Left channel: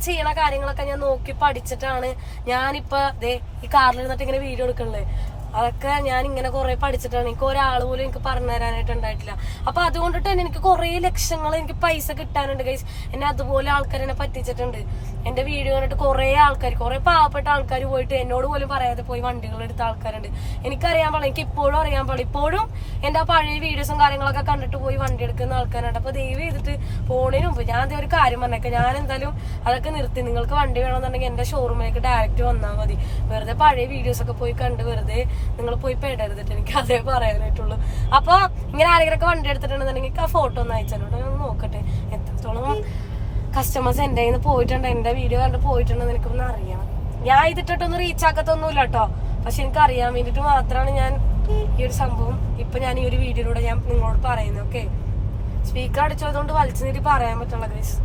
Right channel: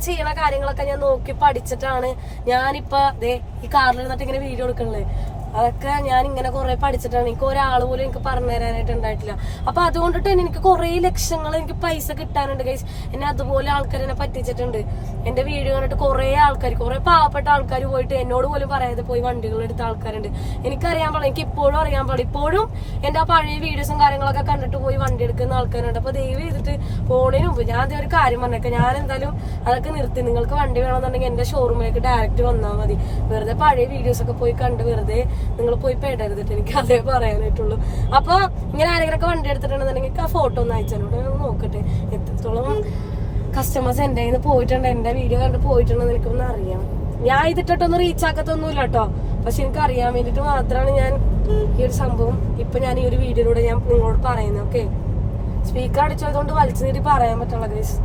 അവര് ചെയ്യണ കാര്യങ്ങളൊക്കെ ഞാൻ നോക്കി പഠിച്ചിട്ടാണ് ഞാനിപ്പോ ഈ കാറിൽ നിന്നിട്ട് ഇങ്ങനെ വീഡിയോ എടുക്കണല്ലേ. അതൊക്കെ ഞാൻ ഇങ്ങനെ കുറെ പഠിച്ചിട്ടാണ്. എനിക്ക് ഒരാൾ പോലും എനിക്ക് പറഞ്ഞു തരാനായിട്ട് ഉണ്ടായിട്ടില്ല. അപ്പൊ അതുകൊണ്ടിട്ട് തന്നെ എനിക്ക് കുറെ ലക്ഷങ്ങൾ എനിക്ക് പൈസ കിട്ടാനുണ്ട് ഗൈസ്. എന്നെ അതുപോലെ ആൾക്കാർ എന്നെ പറ്റിച്ചിട്ടുണ്ട്. എന്റെ വീഡിയോ കണ്ടിട്ട് കുറെ ആൾക്കാർ, കുറെ പാവപ്പെട്ട ആൾക്കാർ പോയിട്ട് എന്നോട് പോലും പറയാതെ പോയി വണ്ടികൾ എടുത്ത ആൾക്കാരുണ്ട്. എനിക്കറിയാൻ പാടില്ല, എനിക്ക് ഇപ്പോഴും അറിയാൻ പാടില്ല. ഇപ്പോഴും എന്റെ ആ പഴയ വീഡിയോസും കാര്യങ്ങളൊക്കെ കണ്ടിട്ട് പോയി വണ്ടി എടുക്കുന്ന ആൾക്കാരുണ്ട്. അപ്പൊ ദയവ് ചെയ്തിട്ട് പോണതിന് മുമ്പ് ഞാൻ ഒരു കാര്യം പറഞ്ഞേക്കാം, ഞാൻ എന്തായാലും അതൊക്കെ നിർത്തി. നിങ്ങൾക്ക് വണ്ടി വേണമെന്നുണ്ടെങ്കിൽ എന്റെ ഷോറൂമിലേക്ക് ഡയറക്റ്റ് വന്നാൽ മതി. വെറുതെ പഴയ വീഡിയോസ് ഒക്കെ പോയി കണ്ട് വെറുതെ നിങ്ങൾ പോയി പെടരുതിട്ട്, എനിക്ക് അതേ പറയാനായിട്ടുള്ളൂ. അപ്പൊ ഇങ്ങനെ ആരെങ്കിലൊക്കെ വണ്ടി എടുത്തിട്ടുണ്ടെന്നുണ്ടെങ്കിൽ ആ ഫോട്ടോ ഒന്ന് അയച്ചോട്ട് നോക്കട്ടെ എത്രത്തോളം കസ്റ്റമേഴ്സ് എന്റെ കയ്യിൽ നിന്ന് പോയിട്ടുണ്ട്, എന്റെ വീഡിയോ കണ്ട് പോയിട്ടുണ്ടെന്ന് എനിക്കൊന്ന് അറിയാം. ഞാൻ ഇതിട്ടൊന്നും റീച്ച് ആക്കത്തൊന്നുമില്ല കേട്ടോ, പക്ഷെ എനിക്ക് അറിയാൻ വേണ്ടിട്ട് മാത്രമാണ് ഞാൻ ഈ ഒരു സംഭവം ഇപ്പൊ ഞാൻ ഈ ഒരു വീഡിയോയിലൂടെ ഞാൻ നിങ്ങളോട് പറയുന്നത്. ഓക്കെ, സ്പീക്കർ അടിച്ചതുകൊണ്ട് വലിച്ചു നീട്ടി പറയാൻ പറ്റുള്ള ഗൈസ്.